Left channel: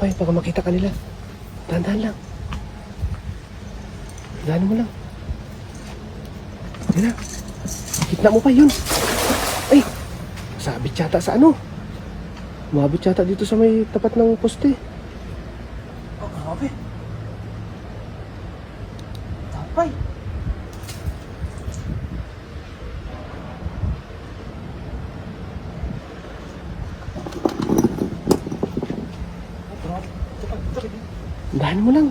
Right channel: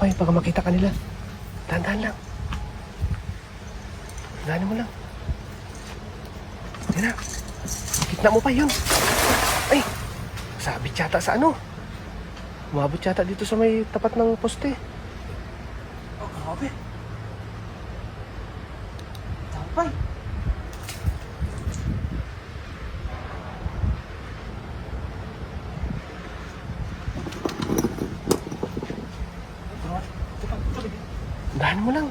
pa yun, pag makita ka nila. Dahan-dahan lang. Dahan mo lang. Yan na. Kitna mo pa yun. Ay! Sabit yata sa ano. Umabot yata dito sa may tapat ng poste. Oh, grabe. Tapay. Dahan mo lang.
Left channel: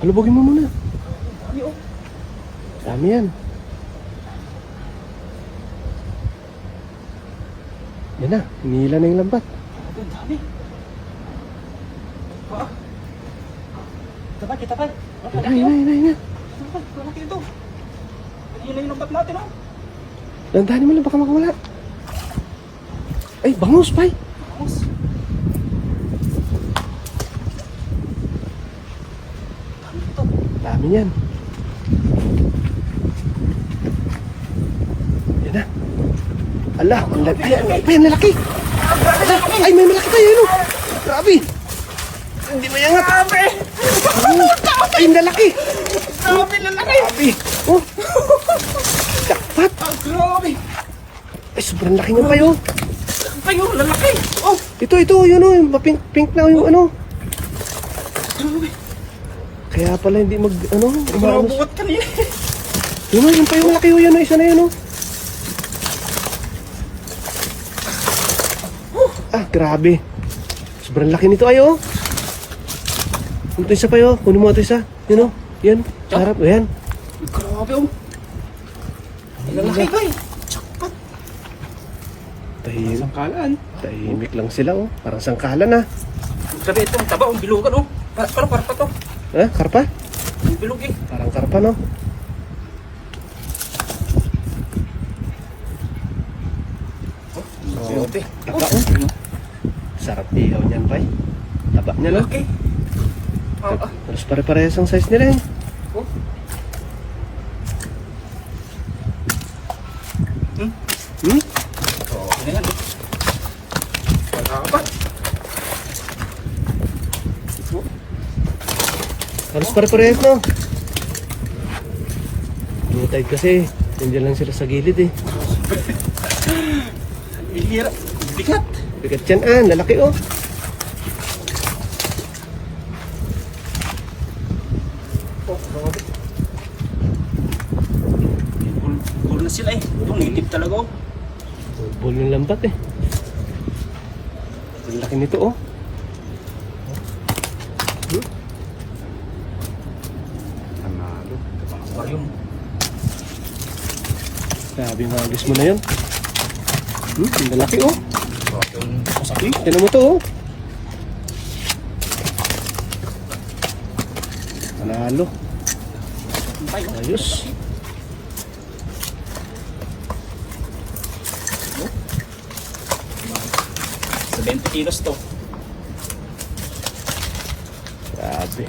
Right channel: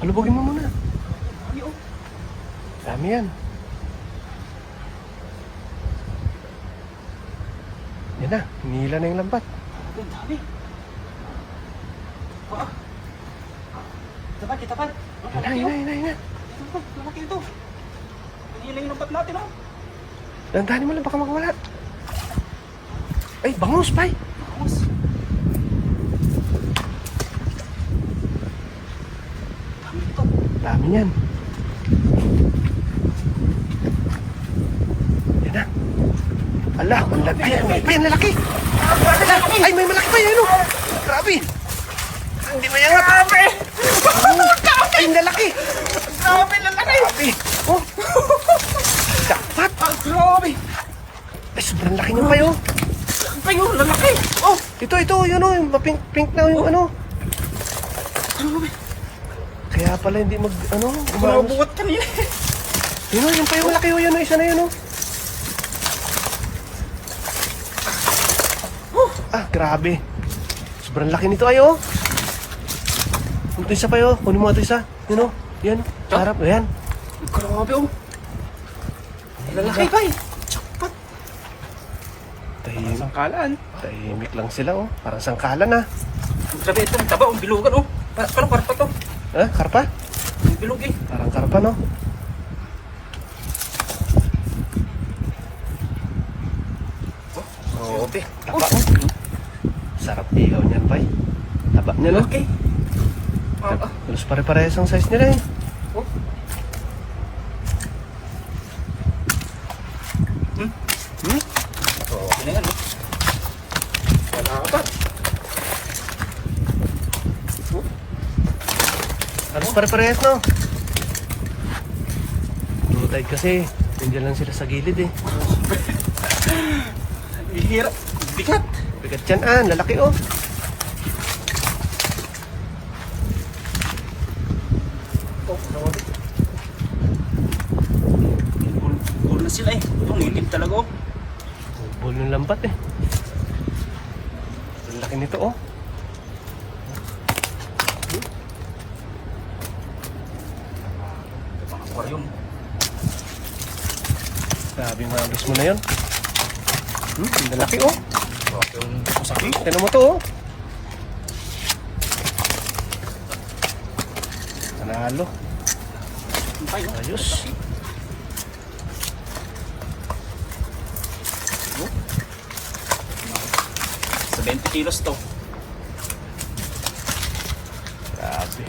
Palubogin mo muna. Dami oh. Dami yan. Yan na, hinihila na yung lambat. Ang dami. Ah. Tapay, kitapay. Yan na. Lalaki ito. Yun na yung lambat natin ah. Dandahanin mo lang, baka makawala. Ay, bangus, pay. Vamos. Dami yan. Yan na. Ala, ang laki. Ay, pa yan, lalaki. Ay, may malaki pa yun. Oh. Grabe. Hindi mayangat. Grabe. Ay, ang lalaki. Grabe na laki. Grabe. Oh. Dapat. Grabe. Ay, sobrang laki niya pa yun. Ay, oh, lalaki. Oh. Ito, yun o. Yung pink na yung ano. Grabe. Kaya pala hindi umanos. Bukat kanina. Yun o, yung pa yung malaki o yun o. Isa na yun o. Ah, grabe. Sobrang laki nito ay o. Ito isa pa yun. Kunin mo ito isa. Yun o. Yan. Harap. Ayan. Grabe oh. Lalaki pa eh. Jackpot. Tahimik. Sangkalan. Tahimik lang sila o. Parang sangkalan ah. Sabi ito, ang taba, ang bilugan oh. Parang karpa to. Ha? Karpa? Ang bilog eh. Parang karpa no? Oh, grabe. Taba o. Sarap ilaw niyan ba? Taba niya no? Okay. Ah, Halos pare-parehas ang size nila eh. oh. Hmm? Oh, okay na yan oh. Wala ka pa. Halos pare-parehas no? Yung tide kasi, nandiyan lang sila sa gilid eh. Ihira. Bigat. Bigat yan ah, lalaki oh. Oh, grabe. Cool na sila eh. Tumilip talaga oh. Ball ng lambat eh. Ang laki nito oh. Aquarium. Sabi magis mo na yun. Ang laki oh. Grabe yung kasabi. Tignan mo to oh. Panalo. Ayos. Sa 20 kilos to. Grabe.